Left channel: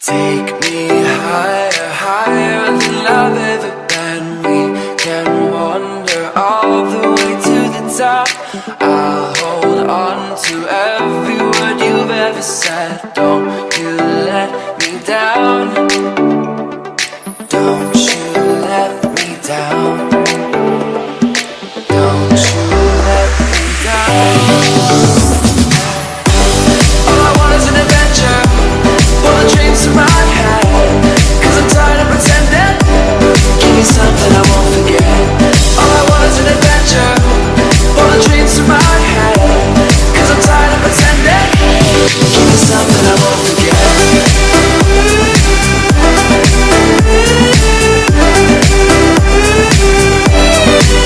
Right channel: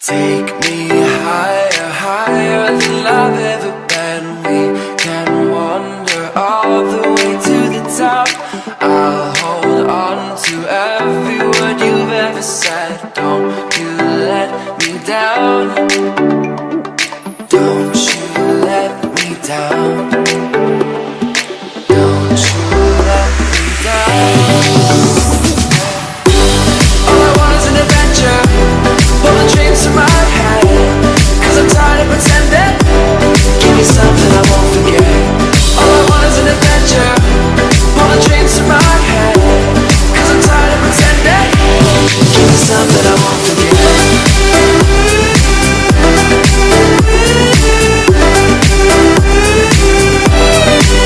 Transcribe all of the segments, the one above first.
Take me higher, higher than I've ever been. We can wander all the way to the top. I'll hold on to every word you've ever said. Don't you let me down. Don't you let me down. Don't you let me down. All I want is an adventure. Pull the dreams to my head, 'cause I'm tired of pretending. Give me something I won't forget. All I want is an adventure. Pull the dreams to my head, 'cause I'm tired of pretending. Give me something I won't forget.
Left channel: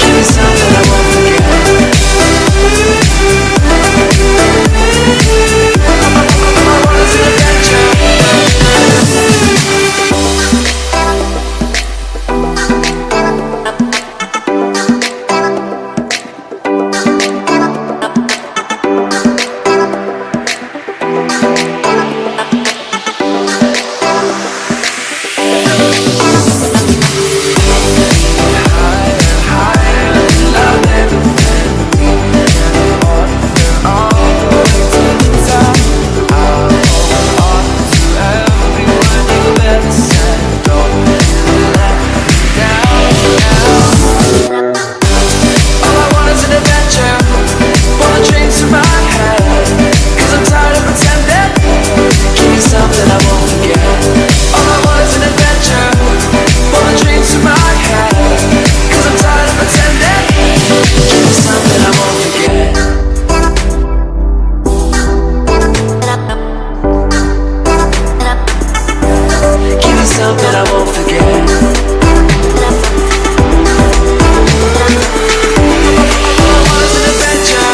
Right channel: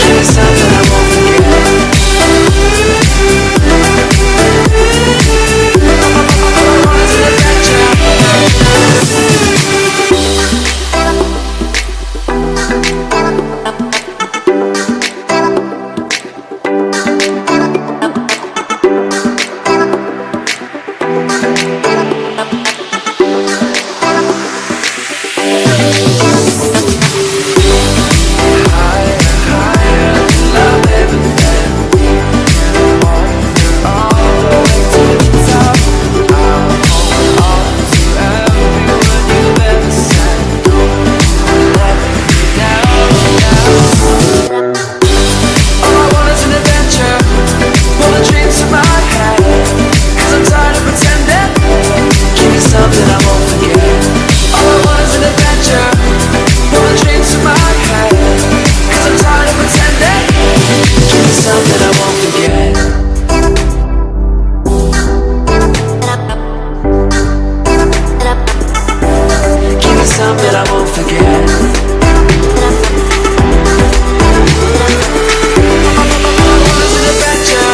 Give me something I won't forget. All I want is an adventure. Something I won't forget. All I want is an adventure.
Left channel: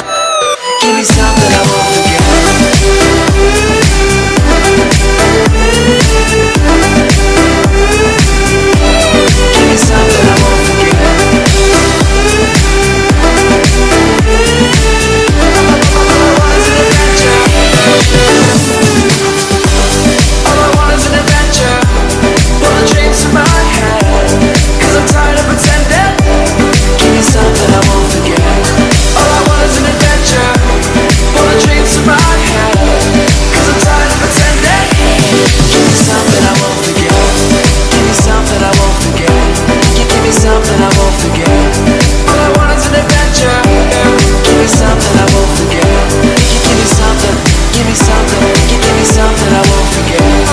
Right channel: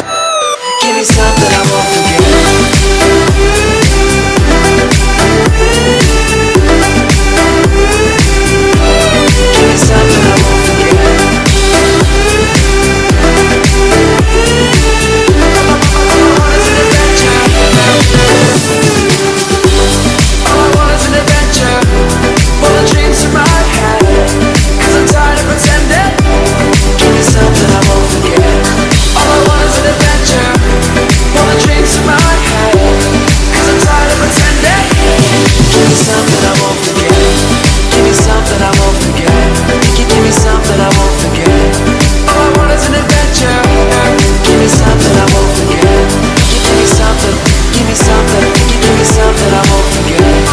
Give me something I won't forget. Give me something I won't forget. All I want is an adventure. All I want is an adventure. Pull the dreams to my head, 'cause I'm tired of pretending. Give me something I won't forget. All I want is an adventure. Pull the dreams to my head, 'cause I'm tired of pretending. Give me something I won't forget. Give me something I won't forget. Give me something I won't forget. All I want is an adventure. Give me something I won't forget. Give me something. Give me something. Give me something I won't forget.